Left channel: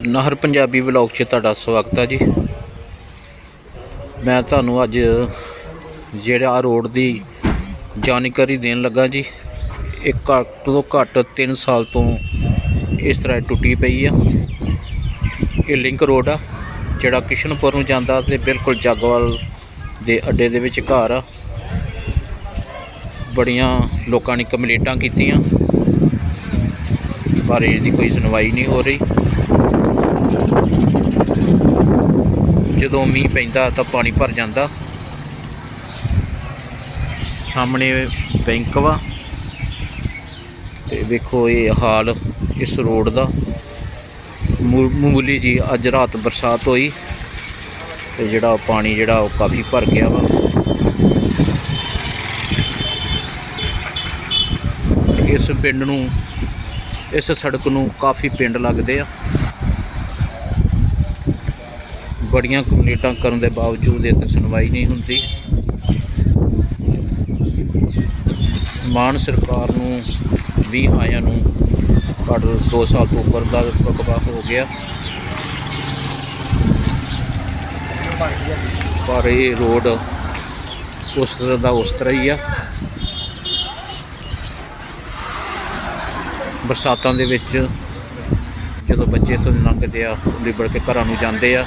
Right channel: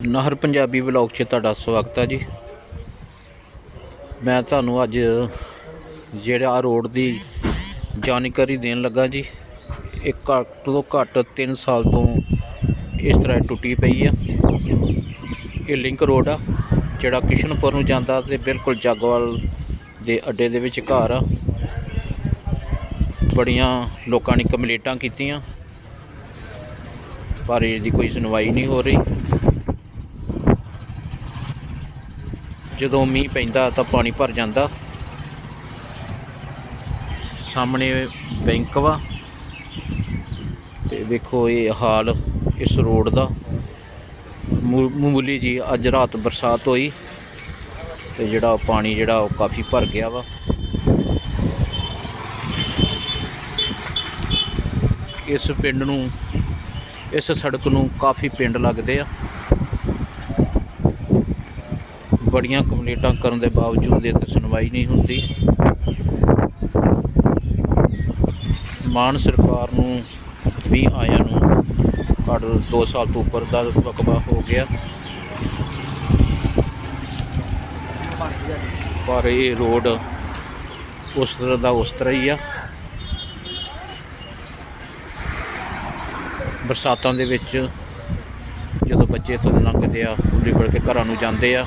ਨਹਿਰ ਪੰਜਾਬੀ ਵਲੌਗ 'ਚ ਤੁਹਾਡਾ ਸਵਾਗਤ ਹੈ ਜੀ। ਮੈਂ ਤੁਹਾਨੂੰ ਅੱਜ ਜਿਹੜਾ ਰੋਡ ਦੀ ਜਾਣਕਾਰੀ ਦੇਣ ਲੱਗਾ ਜੀ, ਇਹ ਘੱਟ ਤੋਂ ਘੱਟ 3 ਸਾਲ ਤੋਂ ਇਸ ਤਰ੍ਹਾਂ ਟੁੱਟੀ ਪਈ ਆ। ਇਹ ਲਿੰਕ ਰੋਡ ਆ, ਜਿਹੜਾ ਕਿਸ਼ਨਪੁਰ ਨੂੰ ਜਾਂਦਾ ਤੇ ਬਿਲਕੁਲ ਜਾਗਵਾਲ ਦੇ ਅੱਡੇ ਦੇ ਵਿੱਚ ਘਰ ਆ। ਬੜੀਆਂ ਲੋਕਾਂ ਨੇ ਕੰਪਲੇਂਟਾਂ ਕੀਤੀਆਂ, ਪਰ ਇਹਦੀ ਕੋਈ ਸੁਣਵਾਈ ਨਹੀਂ ਹੋ ਰਹੀ। ਜਦੋਂ ਮੀਂਹ ਪੈਂਦਾ ਤਾਂ ਪਾਣੀ ਭਰ ਜਾਂਦਾ। ਸਾਹਮਣੇ ਬੈਂਕ ਵਾ। ਤੇ ਵੇਖੋ ਇਹ ਹਾਲ ਇਸ ਰੋਡ ਦਾ। ਮੂ- ਮਾਮੂਲੀ ਜੀ ਅੱਜ ਰਾਤ ਬਰਸਾਤ ਹੋਈ। ਤੇ ਜਿਹੜਾ ਪਾਣੀ ਜਿਹੜਾ ਉਹ ਕਾਫੀ ਭਰ ਗਿਆ ਵਾ। ਇਸ ਪਿੰਡ ਨੂੰ, ਇਸ ਸੜਕ ਨੂੰ ਕਾਫੀ ਪਿੰਡ ਲੱਗਦੇ ਆ। ਬੜੀਆਂ ਕੰਪਲੀਟਾਂ ਕਰਨ ਦੇ ਬਾਵਜੂਦ ਇੱਥੇ ਸੁਣਵਾਈ ਨਹੀਂ ਹੁੰਦੀ। ਮਾਨ ਸਰਕਾਰ ਨੂੰ ਵੀ ਆਇਆ ਨੂੰ ਘੱਟ 2 ਸਾਲ ਤੋਂ ਉੱਪਰ ਦਾ ਰਕਬਾ ਹੋ ਗਿਆ। ਪਰ ਇਹ ਰੋਡ ਉਸ ਤਰ੍ਹਾਂ ਦਾ ਉਸ ਤਰ੍ਹਾਂ ਹੀ ਆ। ਬਰਸਾਤਾਂ ਦੇ ਵਿੱਚ ਜਦੋਂ ਬੱਚੇ ਥੱਲੇ ਦੀ ਲੰਘਦੇ ਆ ਲਿਬੜ ਕੇ ਘਰਾਂ ਨੂੰ ਜਾਂਦੇ ਆ।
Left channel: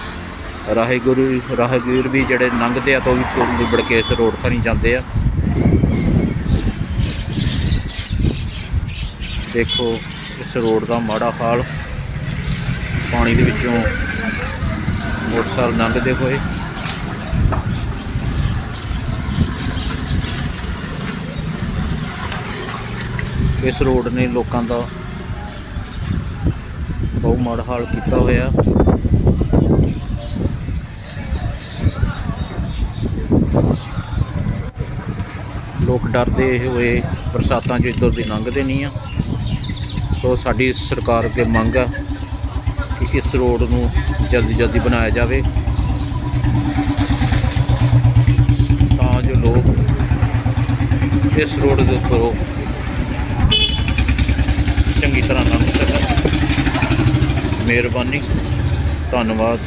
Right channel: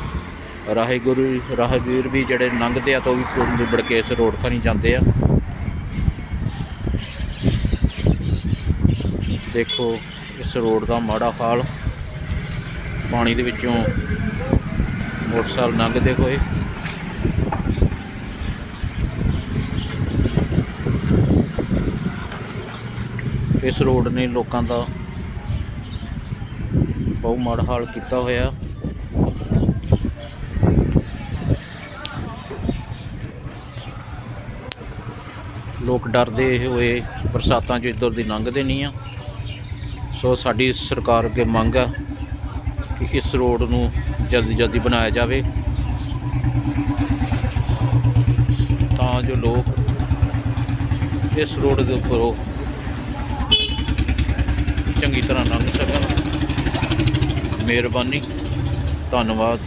ਰਾਹਗੁਰੂ ਰਾਹਗੀਰ ਵੀ ਜਿਹੜੇ ਲੰਘਦੇ ਆ ਤਾਂ ਉਹ ਵੀ ਲਿਬੜ ਕੇ ਇਸ ਰੋਡ ਥਾਣੀ ਜਾਂਦੇ ਆ। ਦੇਖੋ ਇਸ ਰੋਡ ਦਾ ਮਾੜਾ ਹਾਲ। ਪਾਣੀ ਦੇ ਵਿੱਚੋਂ ਮੋਟਰਸਾਈਕਲ ਲੰਘਦੇ ਹੋਏ। ਇਸ ਰੋਡ ਨੇ ਲੋਕਾਂ ਦਾ ਬਹੁਤ ਮਾੜਾ ਹਾਲ ਕੀਤਾ ਹੋਇਆ। ਲੋਕ ਡਰਦੇ ਹੋਏ, ਬਰਸਾਤਾਂ 'ਚ ਇੱਧਰ ਦੀ ਲੰਘਦੇ ਨਹੀਂ ਆ। ਸੋ ਸਾਡੀ ਸਰਕਾਰ ਅੱਗੇ ਮੰਗ ਆ ਕਿ ਇਸ ਰੋਡ ਨੂੰ ਜਲਦੀ ਜਲਦੀ ਬਣਾਇਆ ਜਾਵੇ। ਤਾਂ ਜੋ ਲੋਕ ਇਸ ਰੋਡ ਦੇ ਉੱਪਰੋਂ ਚੰਗੀ ਤਰ੍ਹਾਂ ਲੰਘ ਸਕਣ। ਮਿਹਰਬਾਨੀ, ਧੰਨਵਾਦ।